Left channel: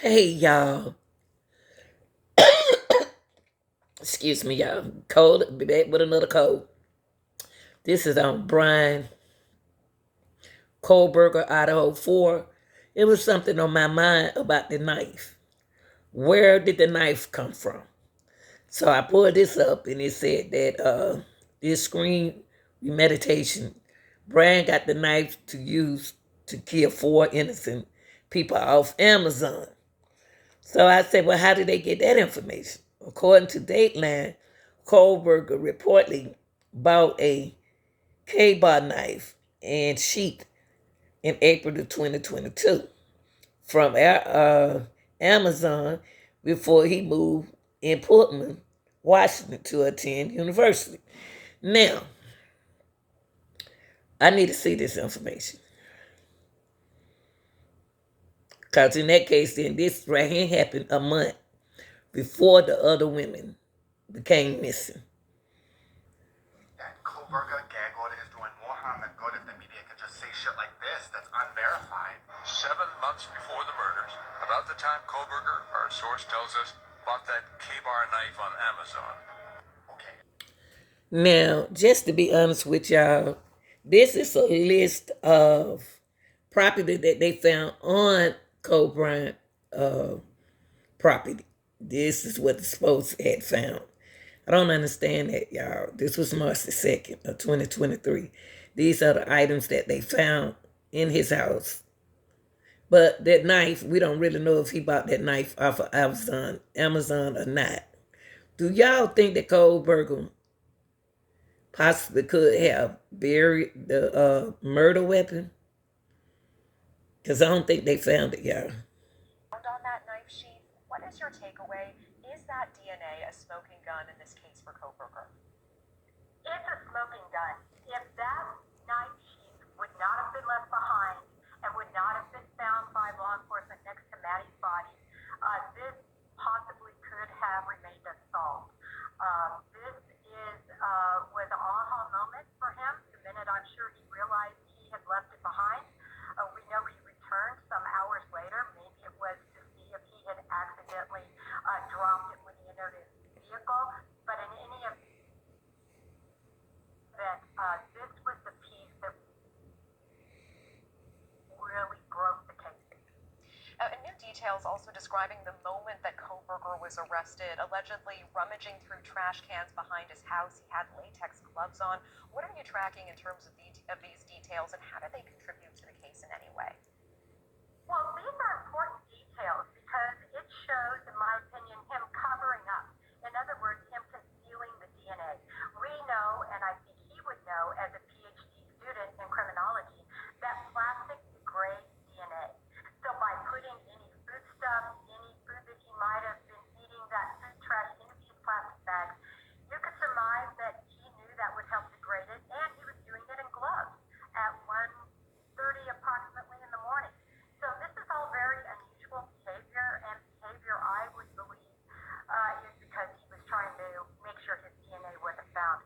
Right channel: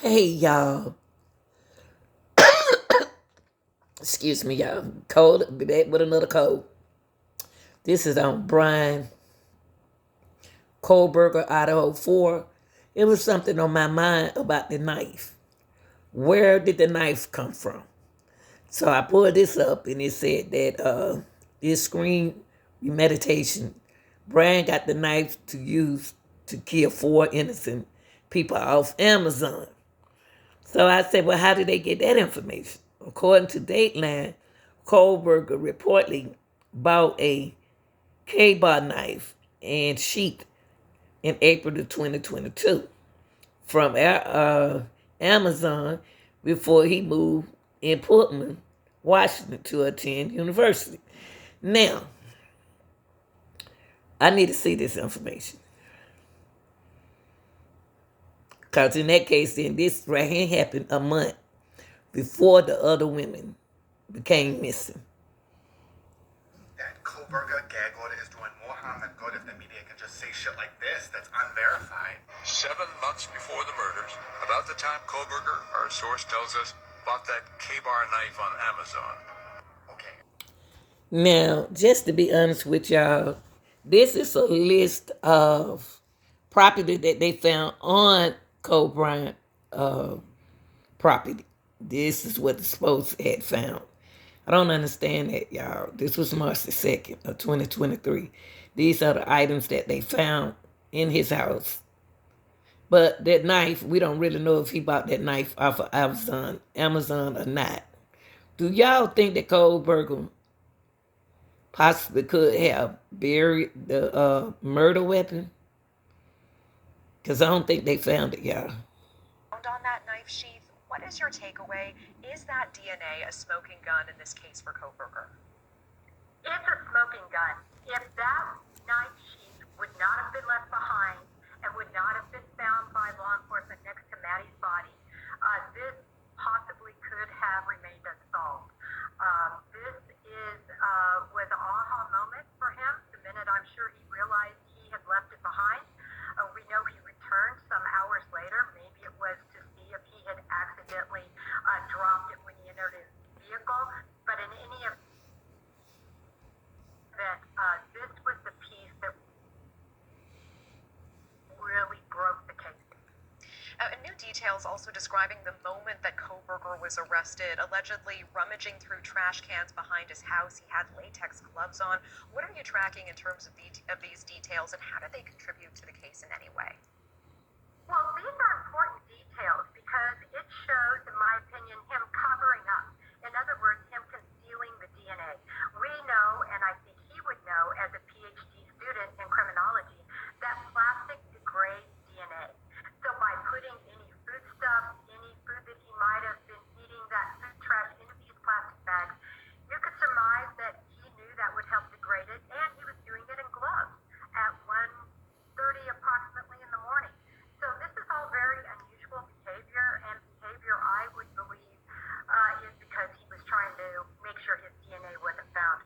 Hey y'all, excuse me y'all. Cold, be back with another cold. This is on Bryan, Koberger, Idaho 4. It was something on my mind about the knife. Where did the knife come from? So I pulled this up and it said that this screen meditation, Bryan got the knife to use to kill four innocent people off Amazon. So I said, well, how did they get that information? According to Dateline, Koberger reportedly bought a K-bar knife and sheath in April of 2022 from Amazon before he moved in Portland, Washington to attend university. Now, I need to see this information. Because in that case, then this right here happened a month before the other women became missing. That Koberger gag order is doing more harm than good if the media can just say shit like this that's unverified. 7 months before the murders, about the time Koberger, our source tells us, bought that K-bar knife on Amazon. Okay. Now, just to be honest with y'all, this is a list of property that they found on Cole Bryant property. This is what the Spokes had found. I don't understand that, y'all. This was March the 2nd of 2023. These are the items that they found in his house. But that knife, we don't really know if he bought that knife off of Amazon or not. Do y'all think that Cole Burgum possibly could have buried the murder weapon? Because I don't think they found it, y'all. On that knife sheath, what is your takeaway? Is that DNA a smoking gun in this case for Koberger? It's a smoking gun. If that knife sheath would not have been left behind and would not have been found by law enforcement next to Maddie's body, this possibly could have remained unsolved. This was an aha moment for him. The minute I'm sure he realized he had left it behind. We know he returned some hours later. Maybe it was to see if he had accidentally dropped it when he entered his vehicle. But in any event, this was the piece that really broke the case. New details also describing the moment that Koberger was arrested, allegedly rummaging through trash cans behind his house. He had latex gloves on. What are you tracking in terms of these details, and how do they contribute to the case in any way? Well, these are important details because it shows, in my opinion, him covering up. In other words, him concealing the DNA. We know, and I think he would know as a PhD student in criminology, that plastic degrades DNA. So by putting any foodstuff, any food that he might have been eating, that food trash into these plastic bags, you could surmise that he knew that would help degrade it, and he was doing it in gloves at 1:30 approximately in the morning. So this is all very unusual behavior, and behavior I would believe is because he was trying to make sure his DNA wasn't found.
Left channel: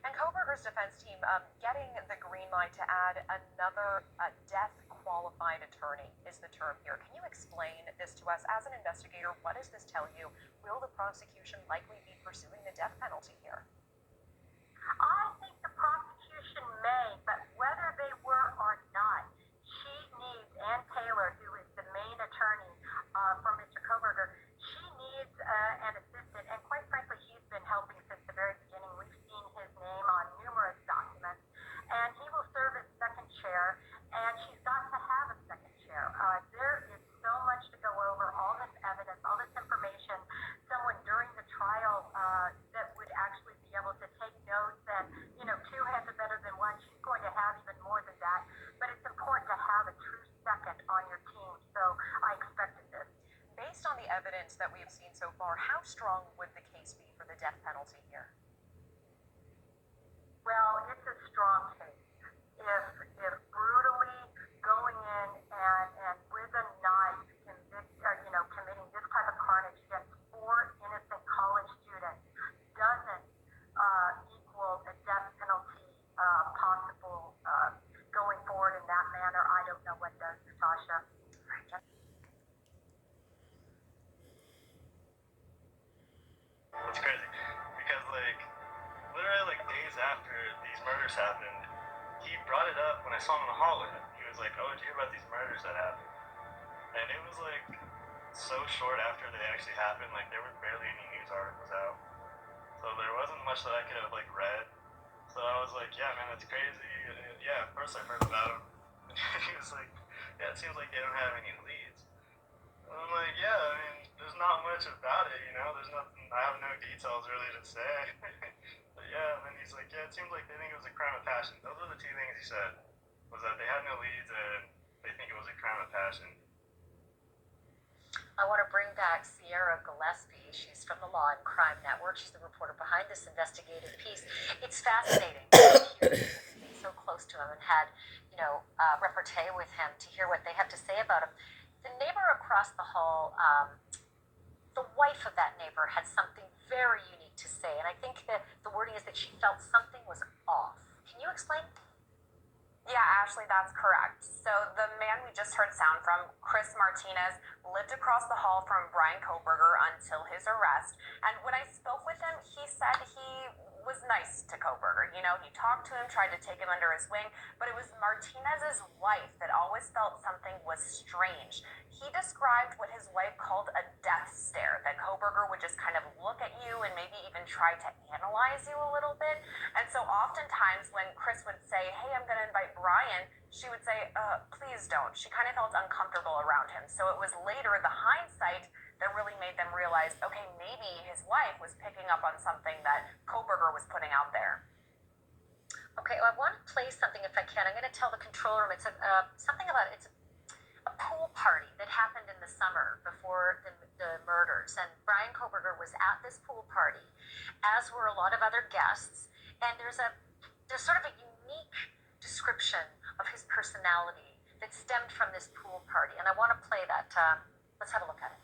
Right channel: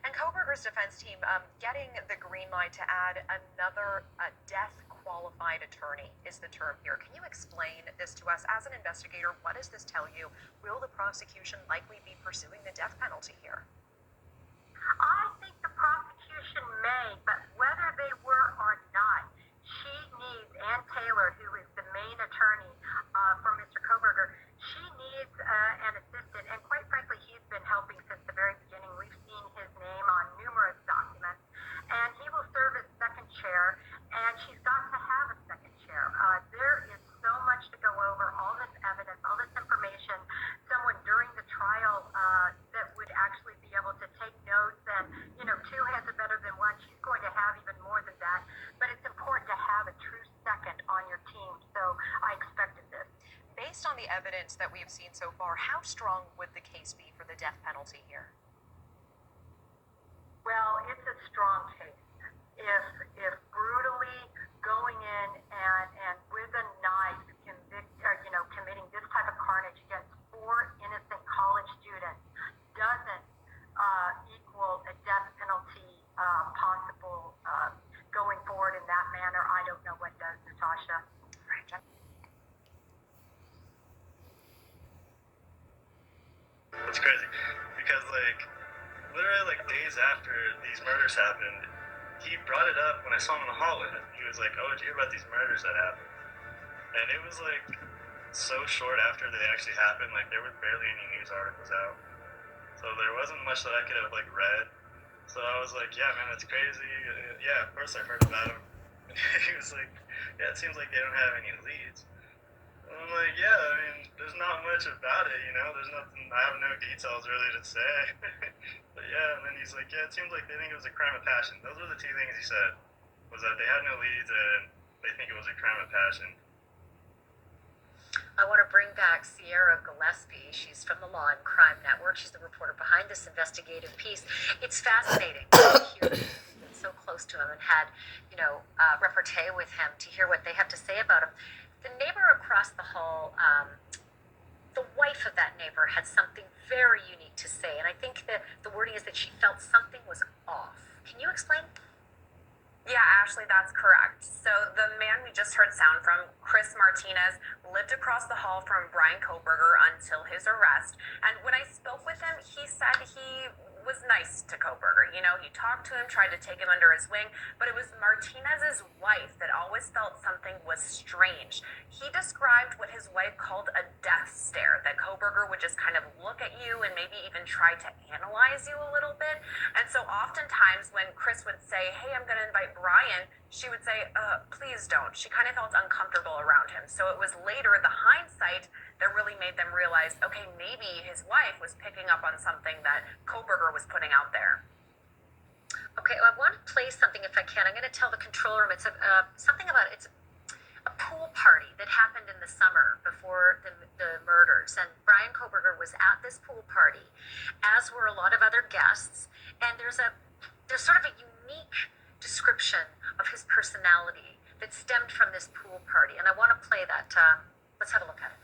And Koberger's defense team getting the green light to add another death qualified attorney is the term here. Can you explain this to us as an investigator? What does this tell you? Will the prosecution likely be pursuing the death penalty here? I think the prosecution may, but whether they were or not, she needs Ann Taylor, who is the main attorney for Mr. Koberger, she needs an assistant, and quite frankly, he's been helping since the very beginning. We've seen his name on numerous documents, and he will serve as second chair, and she's got to have a second chair. There is so much to go over, all this evidence, all this information, someone during the trial that would actually be able to take notes, and, two heads are better than one. She's going to have even more than that, but it's important to have a true second on your team, so I expected this. Based on the evidence that we have seen so far, how strong would the case be for the death penalty here? Well, it's a strong case. If brutally going in and with a knife committing this type of carnage against four innocent college students doesn't equal a death penalty possible going forward in that manner, I don't know what does, Natasha. It's crazy because like literally like days after these murders happened, he brought it up when I saw him in the hallway. He was like, "Oh, did you hear about these murders that happened?" And it was like so short after they actually happened. Like there were barely any news articles out, so there wasn't much that I could have like read. So I was like, "Yeah, man, that's crazy." Yeah, of course I heard about him. He was like, "Yeah, it seems like they don't have any leads." And I'm like, "Yeah, I mean, there's not much about it, you know. There's nothing. I have no details really to say." But yeah, and then he's like, "Yeah, it seems like they think it was a crime of passion." Those were the two things he said. Was that they had no leads and they think it was a crime of passion. I want to bring back Sierra Gillespie. She's from the Law and Crime Network. She's the reporter behind this investigative piece. It's fascinating to hear so close to him and had, repartee with him to hear what they have to say about him. The neighbor across the hall, the wife of that neighbor had something very unique to say, and I think that the wording is that she felt something was off. Can you explain? Yeah, Ashley, that's correct. So the man we just heard sound from, Chris Martinez, lived across the hall from Bryan Koberger until his arrest. And when I spoke with him, he said he was nice to Koberger. You know, he talked to him, tried to take him under his wing, but it was Martinez's wife that always felt something was strange. He described what his wife called a death stare, that Koberger would just kind of look at you and maybe even try to analyze you a little bit. And so oftentimes when Chris would say, "Hey, I'm going to invite Bryan," she would say, "Please don't." She kind of felt uncomfortable around him. So it was later, the hindsight, that really made them realize, okay, maybe his wife was picking up on something that Koberger was putting out there. Okay, well, I want to play something if I can. I'm going to tell the control room it's a pool party that happened in the summer before the murders, and Bryan Koberger was at this pool party, as were a lot of other guests. And there's sort of a unique description of his personality that stemmed from this pool party, and I want to play that. Let's have a look at it.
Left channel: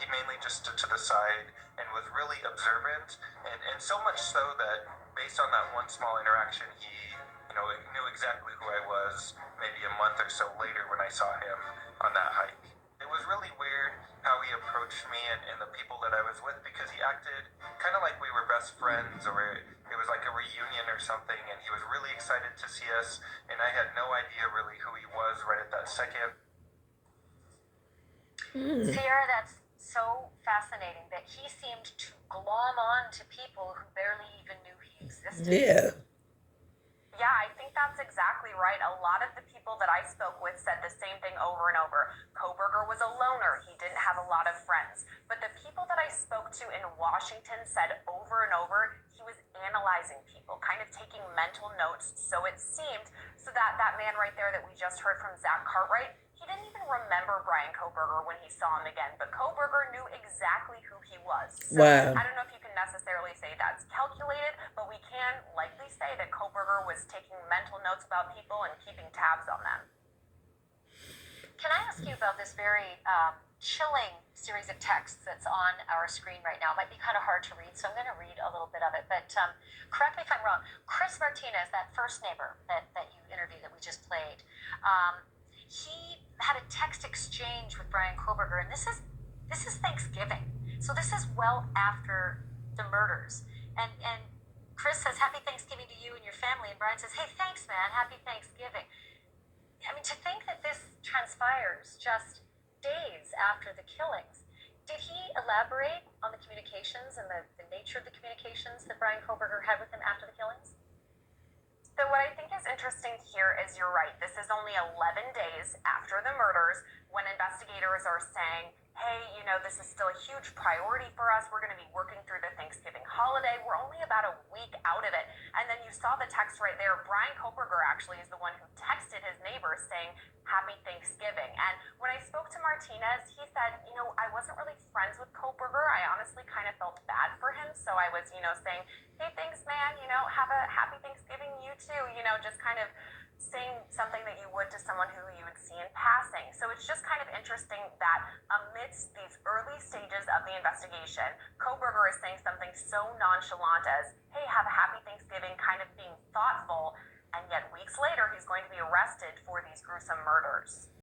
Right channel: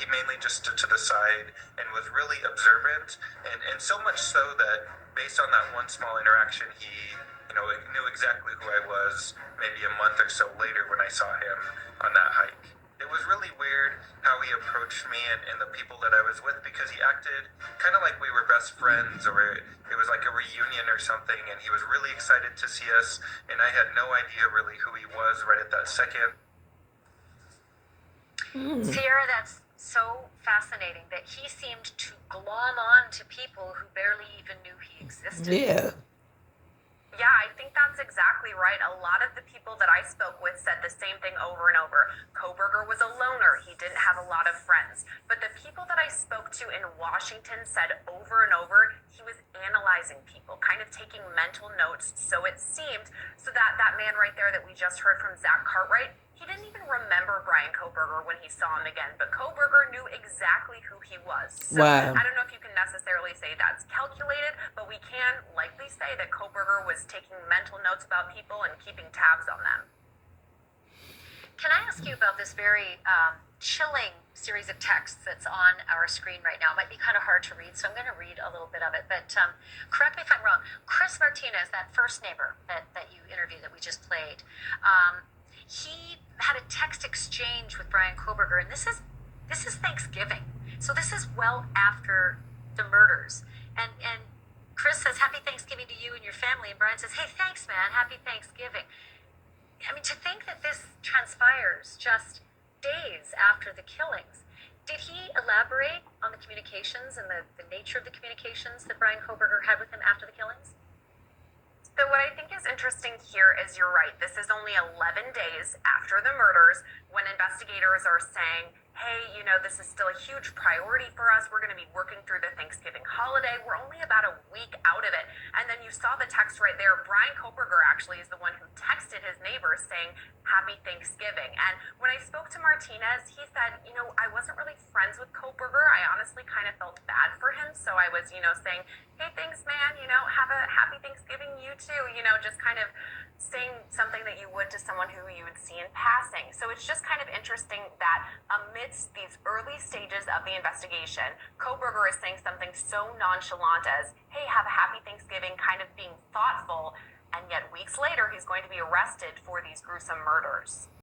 He mainly just stood to the side and was really observant, and so much so that based on that one small interaction, he knew exactly who I was maybe a month or so later when I saw him on that hike. It was really weird how he approached me and the people that I was with, because he acted kind of like we were best friends, or it was like a reunion or something, and he was really excited to see us, and I had no idea really who he was right at that second. Sierra, that's so fascinating that he seemed to glom on to people who barely even knew he existed. Yeah. Yeah, I think that's exactly right. A lot of the people that I spoke with said the same thing over and over. Koberger was a loner. He didn't have a lot of friends. But the people that I spoke to in Washington said over and over he was analyzing people, kind of taking mental notes. So it seemed, so that man right there that we just heard from Zach Cartwright, he didn't even remember Bryan Koberger when he saw him again, but Koberger knew exactly who he was. So Wow. I don't know if you can necessarily say that's calculated, but we can likely say that Koberger was taking mental notes about people and keeping tabs on them. Can I ask you about this very chilling series of texts that's on our screen right now? It might be kind of hard to read, so I'm going to read a little bit of it, but correct me if I'm wrong. Chris Martinez, that first neighbor that you interviewed that we just played, he had a text exchange with Bryan Koberger, and this is Thanksgiving, so this is well after the murders, and Chris says, "Happy Thanksgiving to you and your family," and Bryan says, "Hey, thanks, man, happy Thanksgiving." I mean, to think that this transpires just days after the killings, did he elaborate on the communications and the nature of the communications that Bryan Koberger had with him after the killings? So what I think is interesting here is you're right. This is only 11 days after the murders when investigators are saying, hey, this is still a huge priority for us. We're going to be working through the Thanksgiving holiday. We're only about a week out of it. And then you saw the text right there. Bryan Koberger actually is the one who texted his neighbors saying, "Happy Thanksgiving." And when I spoke to Martinez, he said, I wasn't really friends with Koberger. I honestly kind of felt bad for him. So I was, saying, "Hey, thanks, man. Have a happy Thanksgiving, you too." Just kind of saying something that you would to someone who you would see in passing. So it's just kind of interesting that amidst these early stages of the investigation, Koberger is saying something so nonchalant as, "Hey, have a happy Thanksgiving," kind of being thoughtful, and yet weeks later he's going to be arrested for these gruesome murders.